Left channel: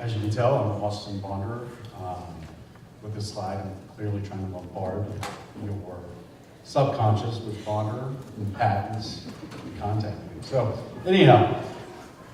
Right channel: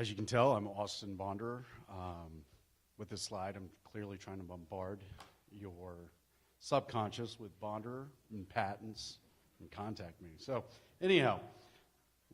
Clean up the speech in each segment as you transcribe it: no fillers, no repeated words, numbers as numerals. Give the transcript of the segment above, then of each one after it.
As you can tell, I'm Austin Bonderer. With this slide, I'm clearly trying to bombard your subconscious with Bonderer and patents and contact me. So, anyhow,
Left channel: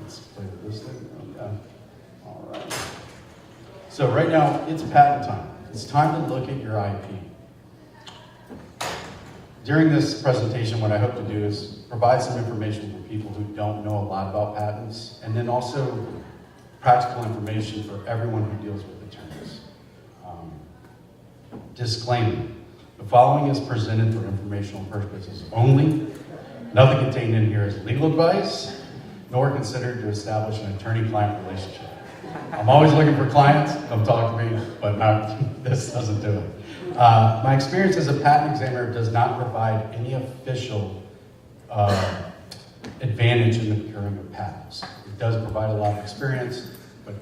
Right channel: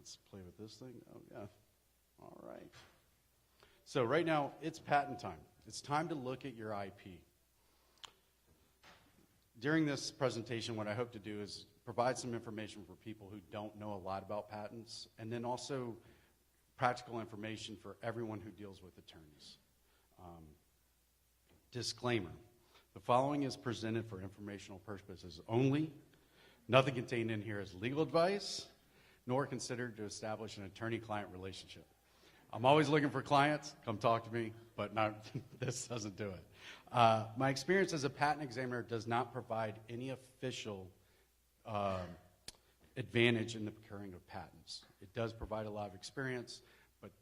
let's play with this thing. Okay. All right. So right now, it's patent time. It's time to look at your IP. During this presentation, what I hope to do is provide some information for people who don't know a lot about patents, and then also practical information for everyone who deals with attorneys. Disclaimer: the following is presented for informational purposes only. Nothing contained in here is legal advice, nor considered to establish an attorney-client relationship. I'm always looking for clients, come talk to me, but this doesn't do it. My experience as a patent examiner does not provide any official advantage in the procuring of patents. It does provide a lot of experience, but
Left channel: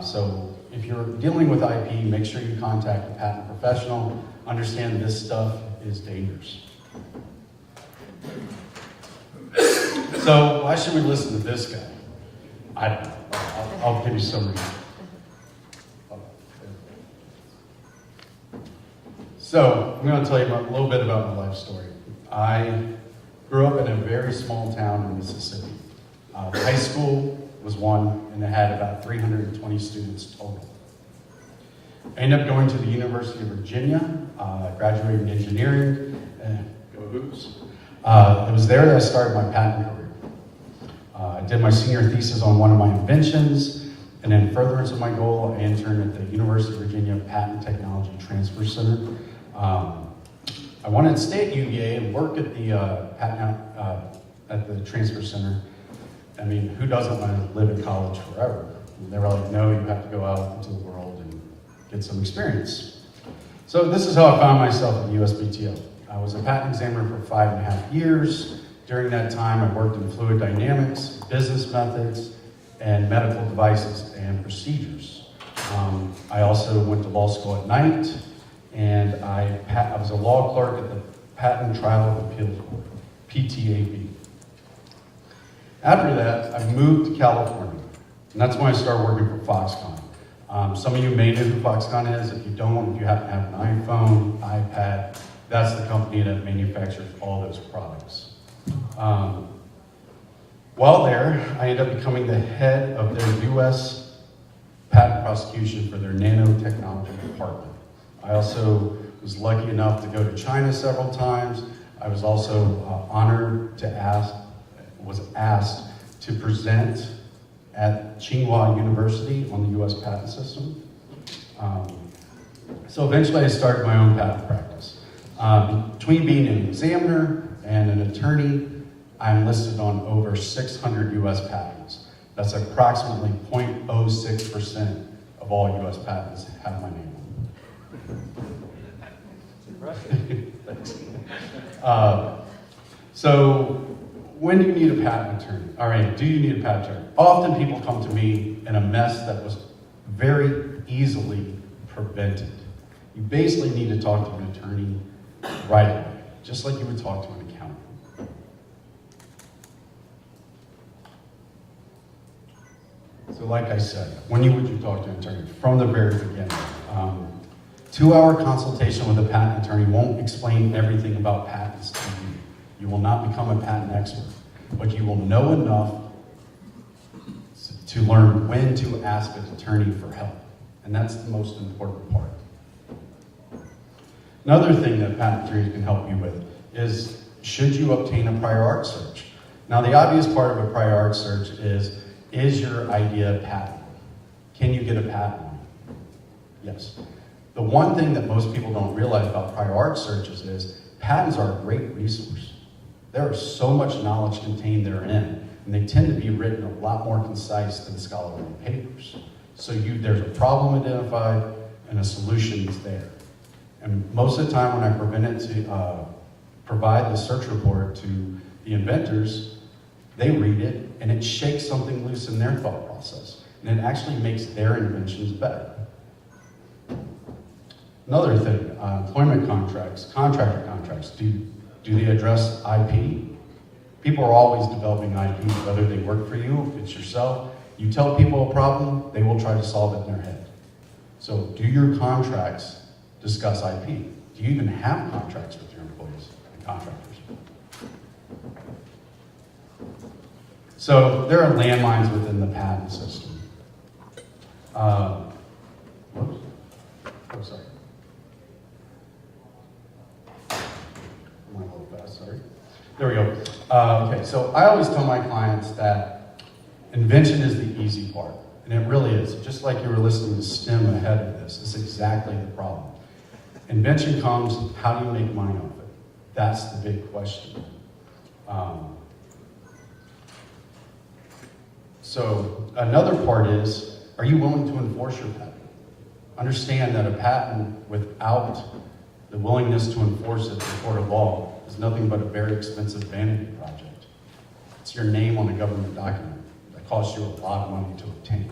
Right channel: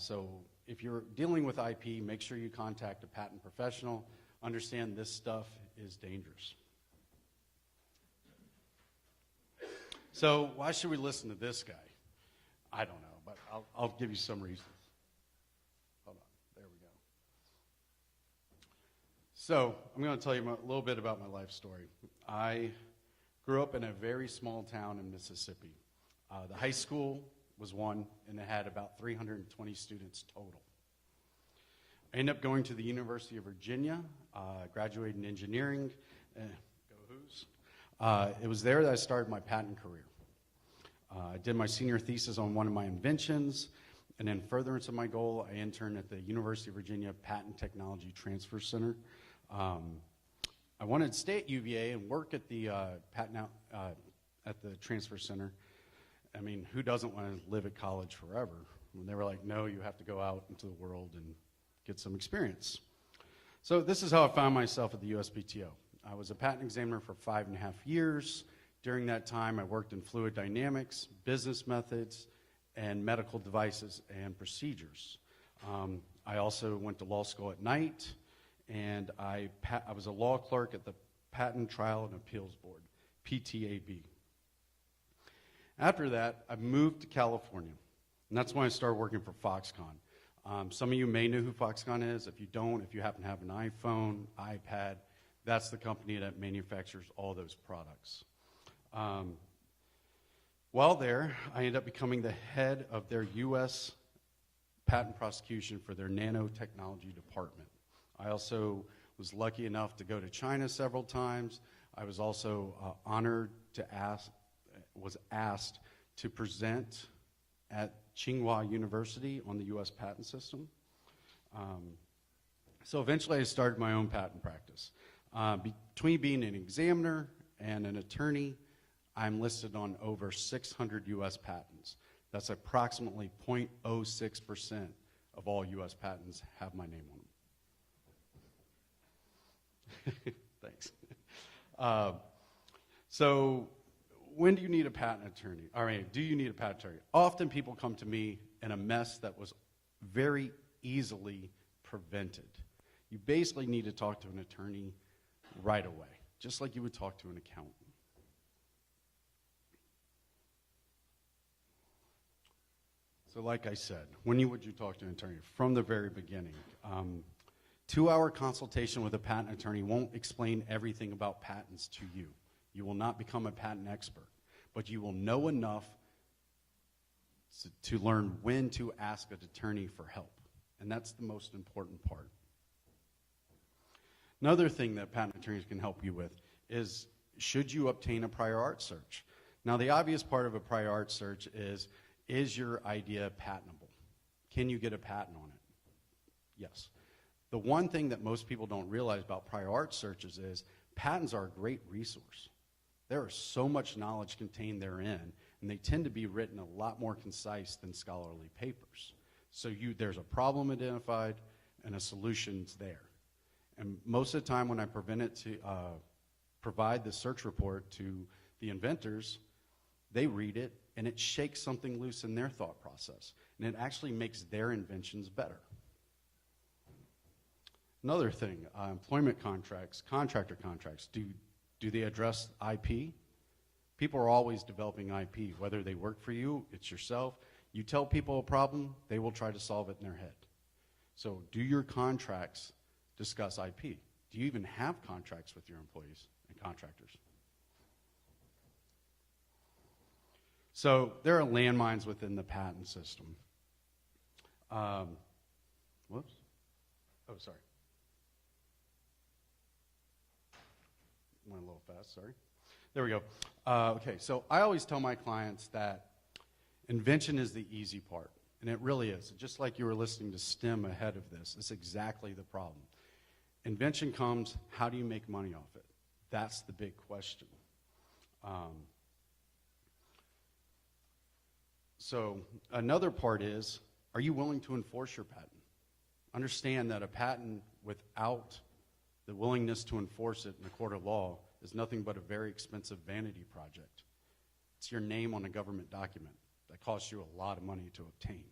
so if you're dealing with IP, make sure you contact a patent professional. Understand this stuff is dangerous. So why should we listen to this guy? I don't know. I'll give you some reason. So I'm going to tell you a little bit about my life story. I grew up in a very small town in Mississippi. High school was one, and it had about 320 students total. I ended up going to the University of Virginia, graduated in engineering, and go Hoops. It was there that I started my patent career. I did my senior thesis on one of my inventions, and in furtherance of my goal, I interned at the University of Virginia Patent Technology Transfer Center. I wanted to stay at UVA and work at the at the Transfer Center. I mean, who doesn't want to live in college forever? And they're like, no, you have to go out into the world and get some experience. So this is how I found myself at the USPTO. I was a patent examiner for 5.5 years. During that time, I worked in fluid dynamics, business methods, and medical devices and procedures. I also went to law school at night, and I was a law clerk at the Patent Trial of Appeals Court, PTAB. After that, I moved to California, and that's when I started working for Foxconn. Some of you may know who Foxconn is. If you don't, if you happen to have an iPhone, iPad, that's the company that manufactures all those products. While there, I ended up becoming the head of their U.S. patent prosecution for their nanotechnology department. I also was lucky enough to go to China several times. I was also honored to was asked to present at Tsinghua University on the U.S. patent system. So eventually I started my own patent practice. Between being an examiner and an attorney, I'm listed on over 600 U.S. patents. That's approximately 0.06% of all U.S. patents have my name on them. So when do you need a patent attorney? All right, do you need a patent attorney? Often people come to me in a mess that was very easily prevented. You basically need to talk to an attorney right away, just like you would talk to an accountant. So like I said, when would you talk to an attorney? From the very beginning. 2-hour consultation with a patent attorney won't explain everything about patents to you. You will not become a patent expert, but you will know enough to learn when to ask an attorney for help. And that's the most important part. Another thing that patent attorneys can help you with is, should you obtain a prior art search? Now, the obvious part of a prior art search is your idea patentable? Can you get a patent on it? Yes. The one thing that most people don't realize about prior art searches is patents are a great resource. There is so much knowledge contained therein, and they tend to be written a lot more concise than scholarly papers. So there's a problem identified, and a solution is there. And most of the time when I provide the search report to the inventors, they read it, and it shakes something loose in their thought process. And it actually makes their inventions better. Another thing, employment contracts, contractor contracts, do they address IP? People are always developing IP, whether they work for you, if it's yourself, You tell people a problem, they will try to solve it in their head. So do your contracts discuss IP? Do you even have contracts with your employees and contractors? So there are landmines within the patent system. Whoops. Oh, sorry. I'm a little fast, sorry. There we go. Okay, so I always tell my clients that invention is the easy part. And it really is. Just like you were listening to STEM ahead of this, it's exactly the problem. Invention comes, how do you make money off it? That's the big question. So another part is, are you willing to enforce your patent? Understand that a patent without the willingness to enforce it in a court of law is nothing but a very expensive vanity project. It's your name on a government document that costs you a lot of money to obtain.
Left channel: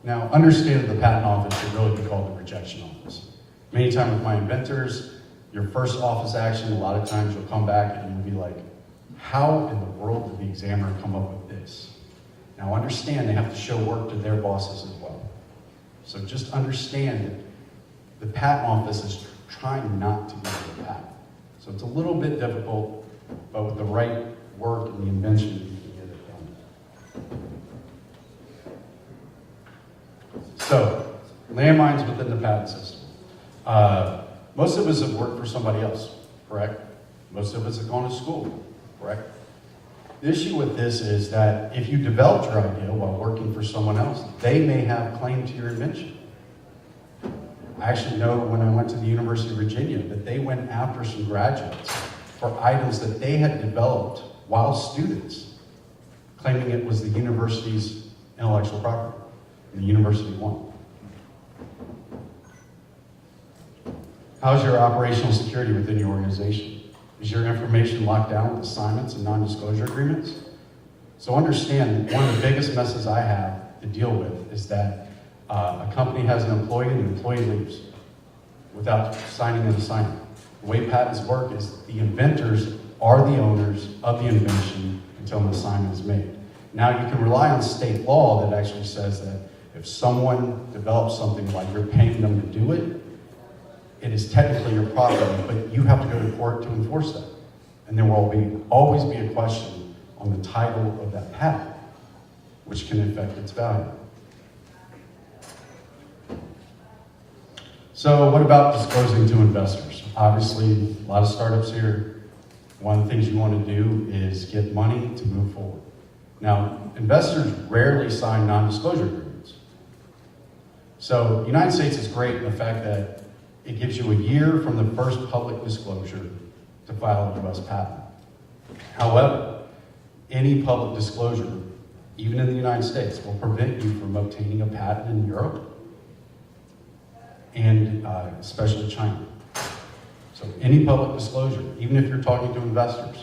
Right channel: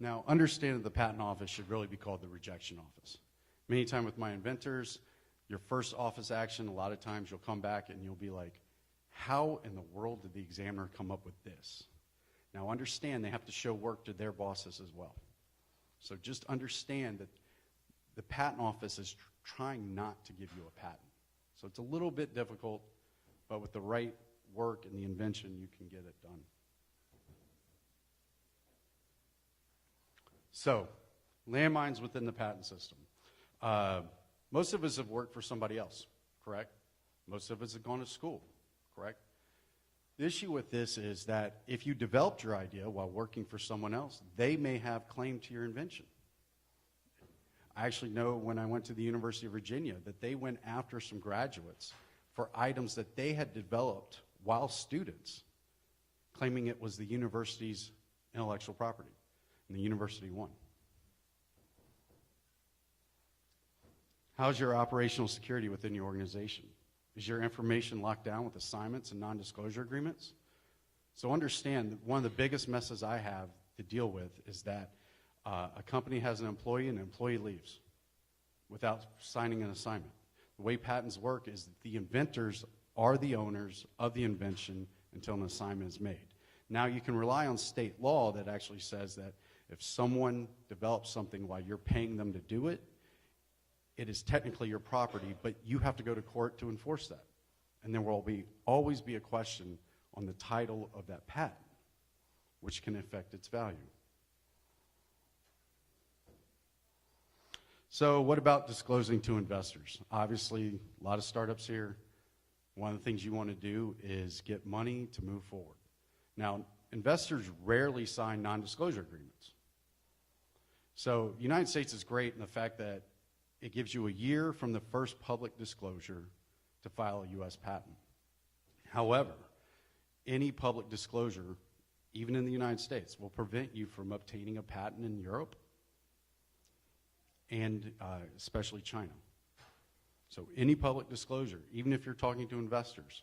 Now, understand that the patent office should really be called the rejection office. Many times with my inventors, your first office action, a lot of times you'll come back and you'll be like, how in the world did the examiner come up with this? Now understand they have to show work to their bosses as well. So just understand that the patent office is trying not to give you a patent. So it's a little bit difficult, but with the right work and the invention, you can get it done. So, landmines within the patent system. Most of us have worked for somebody else, correct? Most of us have gone to school, correct? The issue with this is that if you developed your idea while working for someone else, they may have claim to your invention. I actually know when I went to the University of Virginia that they went after some graduates for items that they had developed while students, claiming it was the university's intellectual property. The university won. How's your operational security within your organization? Is your information locked down with assignments and non-disclosure agreements? So understand, one of the biggest messes I have to deal with is that a company has an employee and the employee leaves without signing an assignment. The way patents work is the inventors are the owners of the invention until an assignment is made. Now you can rely on state law that actually says that if someone develops something while you're paying them to do it, it is technically your property, but you have to go to court to enforce that. And there will always be a question on the title of that patent, which can affect its value. So what about disclosing to investors? Obviously, a lot of startups here, one of the things you want to do is get money to move forward. Now, investors rarely sign non-disclosure agreements. So the United States is great in the fact that it gives you a year from the first public disclosure to file a U.S. patent. However, any public disclosure, even in the United States, will prevent you from obtaining a patent in Europe and especially China. So any public disclosure, even if you're talking to investors,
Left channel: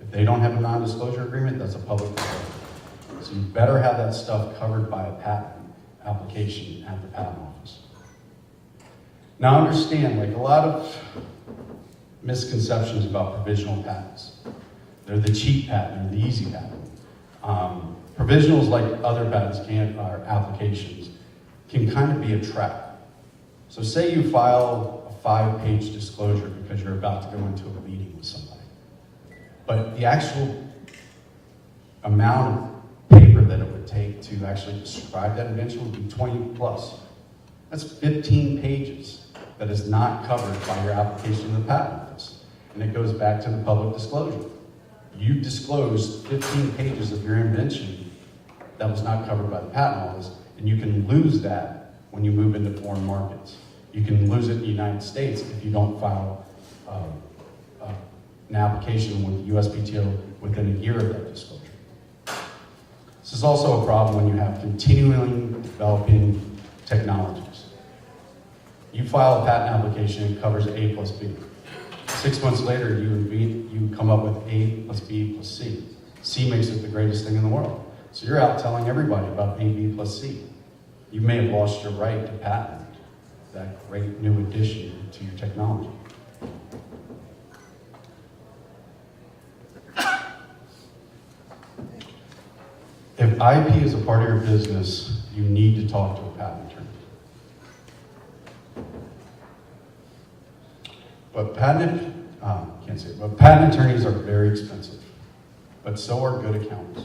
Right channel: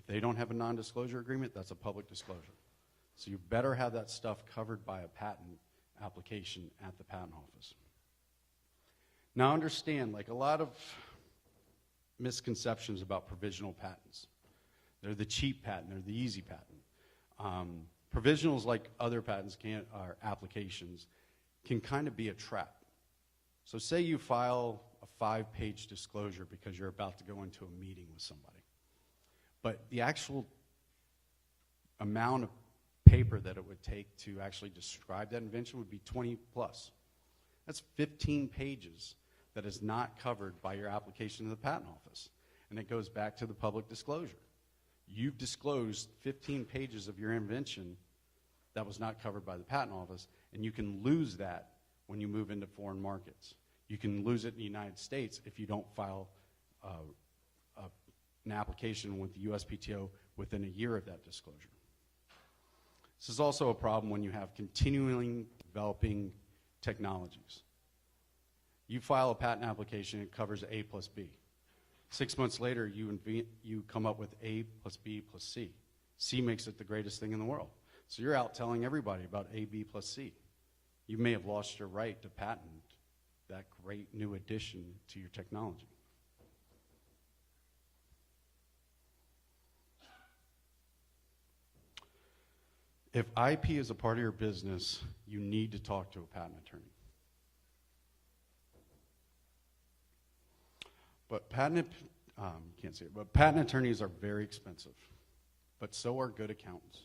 if they don't have a non-disclosure agreement, that's a public disclosure. So you better have that stuff covered by a patent application at the patent office. Now understand, like a lot of misconceptions about provisional patents. They're the cheap patent, they're the easy patent. Provisionals, like other patents and our applications, can kind of be a trap. So say you file a 5-page disclosure because you're about to go into a meeting with somebody. But the actual amount of paper that it would take to actually describe that invention would be 20 plus. That's 15 pages that is not covered by your application to the patent office. And it goes back to the public disclosure. You disclosed 15 pages of your invention that was not covered by the patent office, and you can lose that when you move into foreign markets. You can lose it in the United States if you don't file an application with the USPTO within a year of that disclosure. This is also a problem when you have continually developing technologies. You file a patent application, it covers A plus B. 6 months later, you come up with A plus B plus C. C makes it the greatest thing in the world. So you're out telling everybody about A, B plus C. You may have lost your right to patent that great new addition to your technology. If IP is a part of your business, you need to talk to a patent attorney. But patent attorneys are very expensive, but so are good accountants.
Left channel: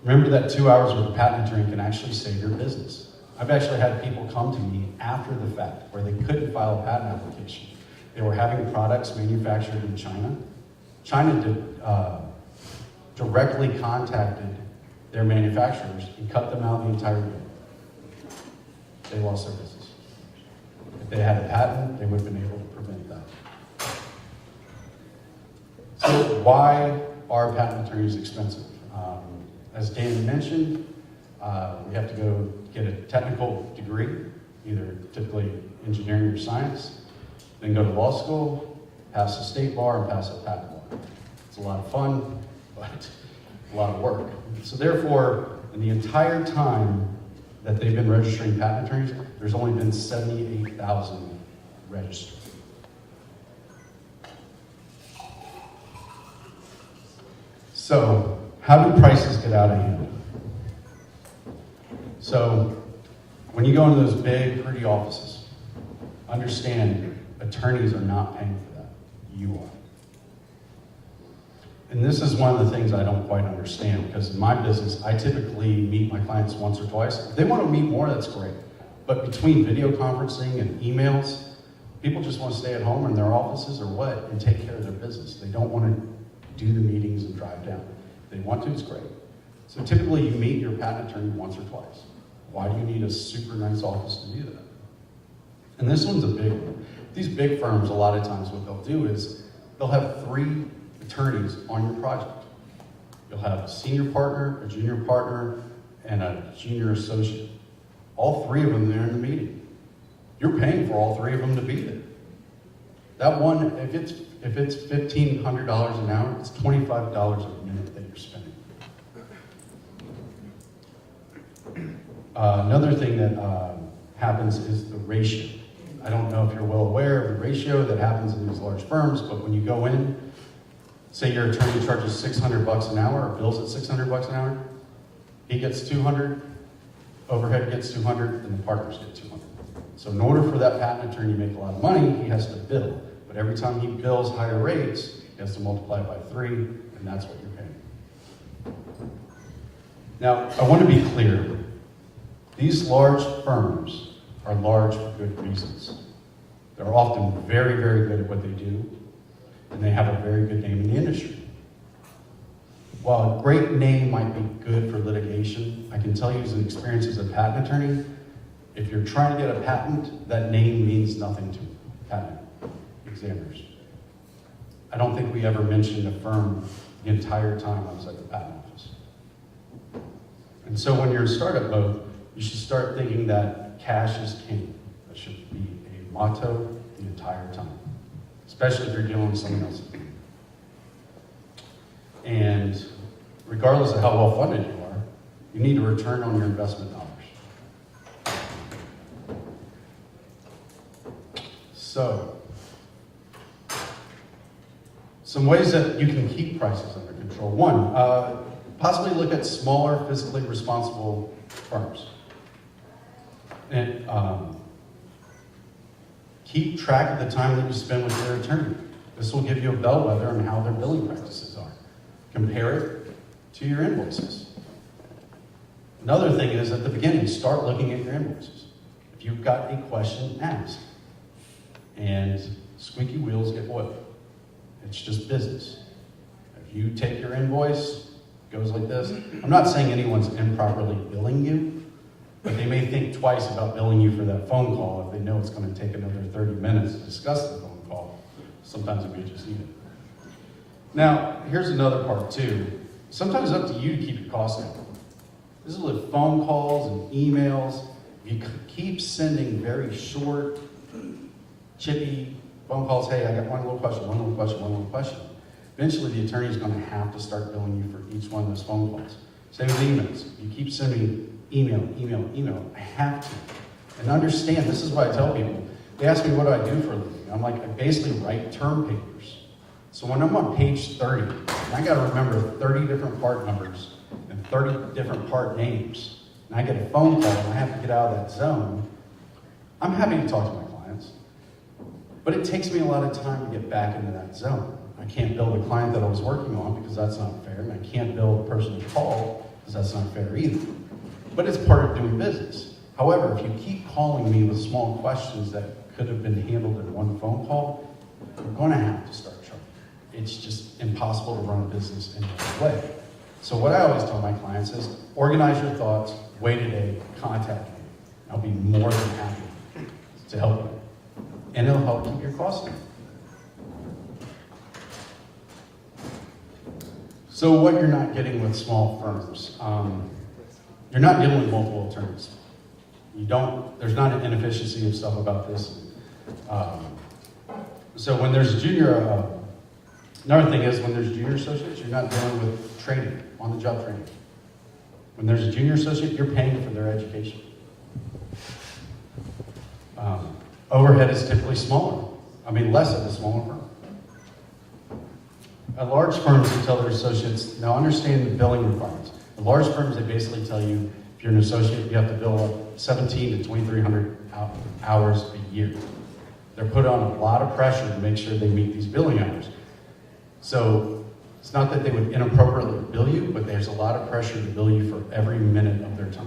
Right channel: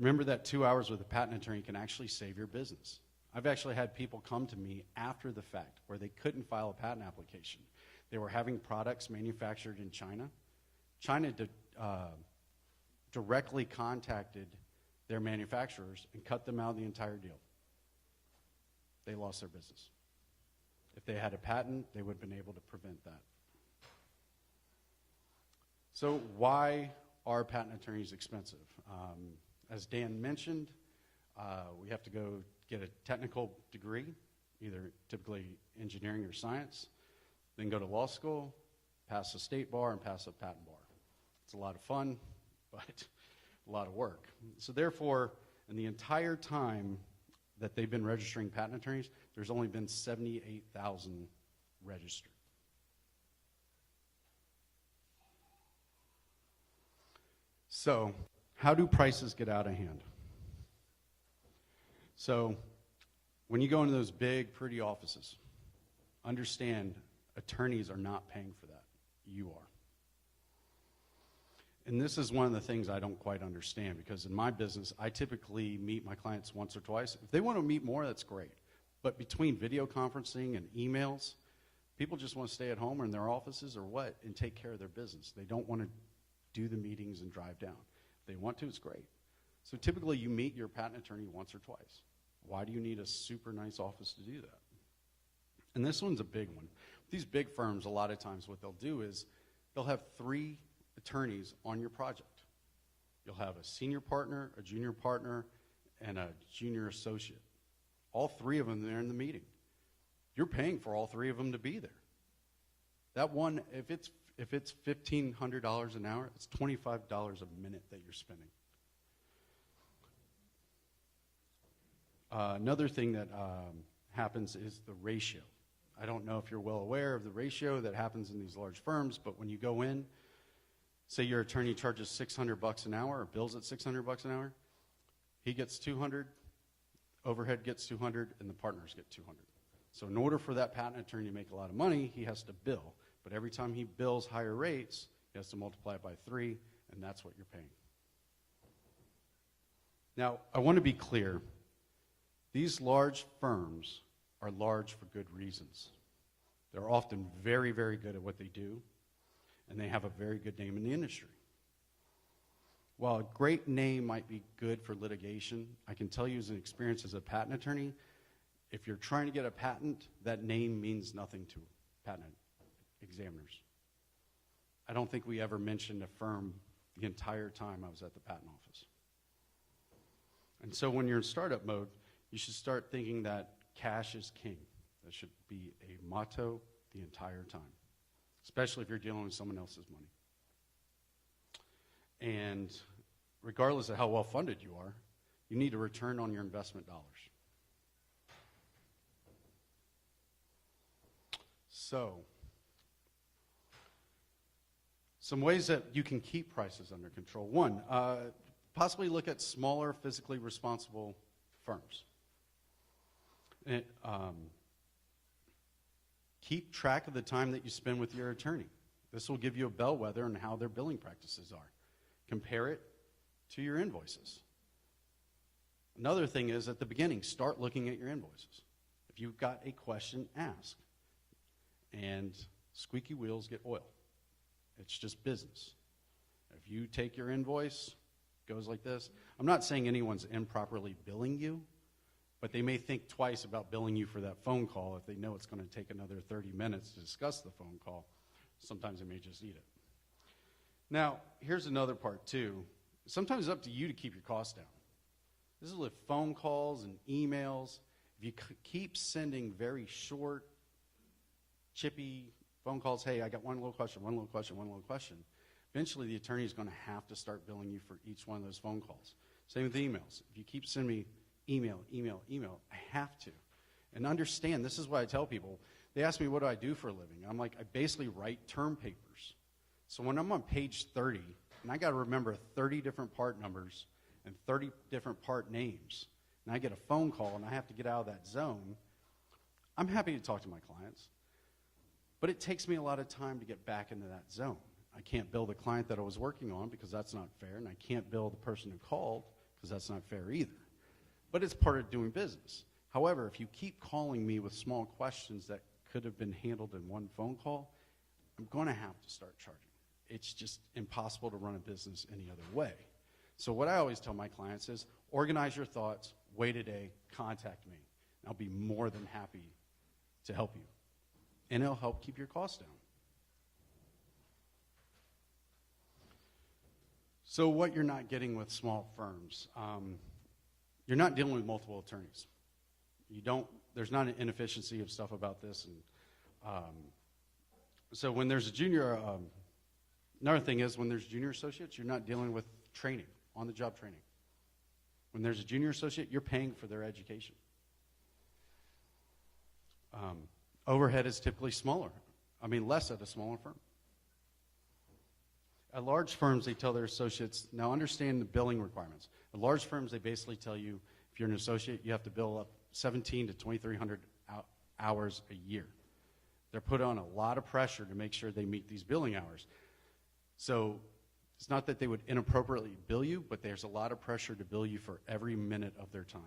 Remember that 2 hours with a patent attorney can actually save your business. I've actually had people come to me after the fact where they couldn't file a patent application. They were having products manufactured in China. China directly contacted their manufacturers and cut them out of the entire bill. They lost their business. If they had a patent, they would have been able to prevent that. So why are patent attorneys expensive? As Dan mentioned, we have to go get a technical degree, either typically engineering or science, then go to law school, pass the state bar, and pass the patent bar. It's a lot of fun, but a lot of work. So therefore, in the entire time that they've been registering patent attorneys, there's only been 78,000 registered. So, how do prices get out of hand? So, when you go into those big, pretty offices, understand attorneys are not paying for that. You are. And this is one of the things I don't quite understand, because in my business, I typically meet my clients once or twice. If they want to meet more, that's great. But between video conferencing and emails, people just want to stay at home in their offices or what and take care of their business. They don't want to do the meetings and drive down. If they want to, it's great. So typically you meet your patent attorney once or twice. Why do you need a super nice office to do that? And this one's a big one. These big firms, a lot of times what they'll do is they'll have 3 attorneys on your project. You'll have a senior partner, a junior partner, and a junior associate. All 3 of them there in the meeting. You're paying for all 3 of them to be there. That one, if it's $1,500 an hour, it's $25 a minute that you're spending. Another thing that happens is the ratio. I don't know if you're well aware of the ratio that happens in these large firms, but when you go in, say your attorney charges $600 an hour or bills at $600 an hour, he gets $200, overhead gets $200, and the partners get $200. So in order for that patent attorney to make a lot of money, he has to bill. But every time he bills higher rates, he has to multiply it by 3, and that's what you're paying. Now, I want to be clear. These large firms are large for good reasons. They're often very, very good at what they do, and they have a very good name in the industry. While a great name might be good for litigation, I can tell you as an experience as a patent attorney, if you're trying to get a patent, that name means nothing to patent examiners. I don't think we ever mentioned a firm the entire time I was at the patent office. And so when you're a startup mode, you should start thinking that cash is king. That should be a motto the entire time, especially if you're dealing with someone else. And regardless of how well funded you are, you need a return on your investment dollars. So, some ways that you can keep prices under control. One, possibly look at smaller, fiscally responsible firms. And keep track of the time that you spend with your attorney. This will give you a bellwether on how their billing practices are. Compare it to your invoices. Another thing is at the beginning, start looking at your invoices. If you've got a question, ask. And squeaky wheels get oiled. It's just business. If you take your invoice, it goes like this. I'm not saying anyone's improperly billing you, but they may think twice about billing you for that phone call if they know it's going to take another 30 minutes to discuss the phone call. Sometimes it may just need it. Now, here's another part too. Sometimes it's up to you to keep your costs down. This is with phone calls and emails. You keep sending very short, chippy phone calls. Hey, I got one little question. Eventually, the attorney's going to have to start billing you for each one of those phone calls. Same with emails. You keep sending email. I have to. And understand, this is what I tell people. They ask me what I do for a living. I'm like, I basically write term papers. So when I'm on page 30, I got to remember 30 different part numbers 30 different part names, and I get a phone call and I have to get out of that zone, I'm happy to talk to my clients. But it takes me a lot of time to get back into that zone. I can't bill the client that I was working on because that's not fair, and I can't bill the person to call because that's not fair either. But it's part of doing business. However, if you keep calling me with small questions that could have been handled in one phone call, we're going to have to start charging. It's just impossible to run a business in that way. So what I always tell my clients is, organize your thoughts, wait a day, contact me. I'll be more than happy to help you. And it'll help keep your costs down. So what you're not getting with small firms, you're not dealing with multiple attorneys. There's not an inefficiency of stuff about this. So when there's junior, another thing is when there's junior associates, you're not dealing with training, on-the-job training. When there's a junior associate, you're paying for their education. Overhead is typically smaller. less at a smaller firm. At large firms, they tell their associates, now understand the billing requirements. At large firms, they basically tell you, if you're an associate, you have to bill up 1,700 to 2,300 hours a year. They're put on a lot of pressure to make sure they meet these billing hours. So it's not that they would inappropriately bill you, but there's a lot of pressure to bill you for every minute of their time.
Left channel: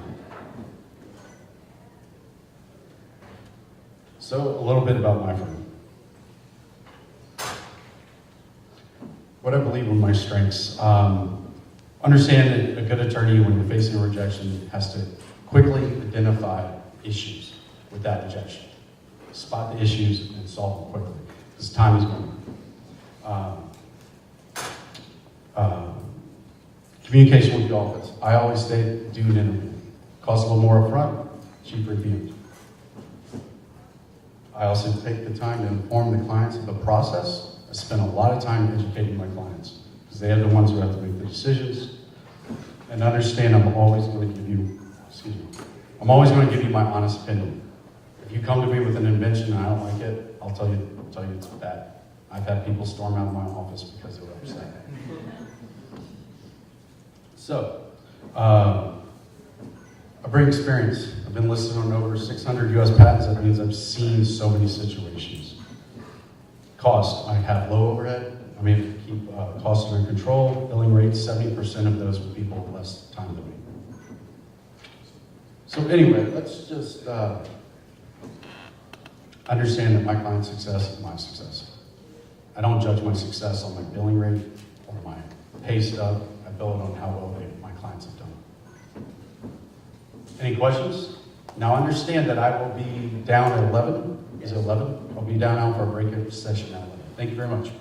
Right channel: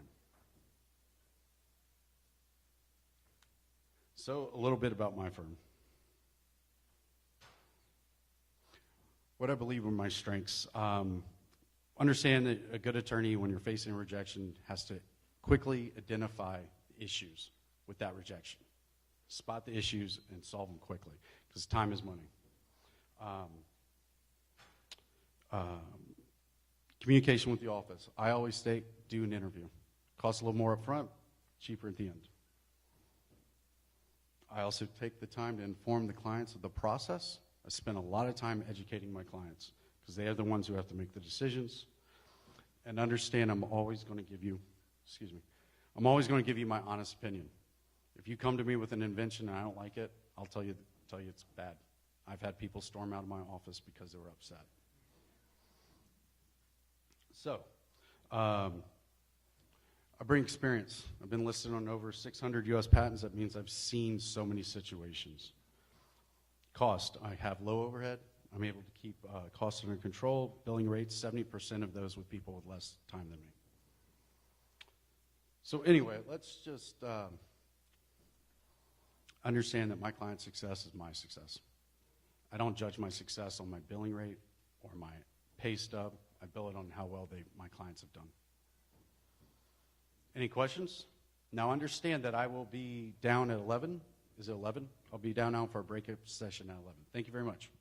So a little bit about my firm. What I believe are my strengths. Understand that a good attorney, when you're facing a rejection, has to quickly identify issues with that rejection. Spot the issues and solve them quickly, because time is money. Communication with the office. I always say, do an interview. Costs a little more upfront, cheaper at the end. I also take the time to inform the clients of the process. I spend a lot of time educating my clients, because they're the ones who have to make the decisions. And understand I'm always going to give you, my honest opinion. If you come to me with an invention and I don't like it, I'll tell you it's bad. I've had people storm out of my office because they were upset. So, I bring experience. I've been listed on over 600 US patents. That means I've seen so many situations. Cost, I have low overhead. I mean, keep costs under control. Billing rates, 70% of those people with less time than me. So anyway, let's just understand that my client's success is my success. I don't judge my success on my billing rate or my pay stub. I bill it on how well my clients have done. Any questions? Now understand that I will be down at 11. Is it 11? I'll be down now for a breakout session at 11. Thank you very much.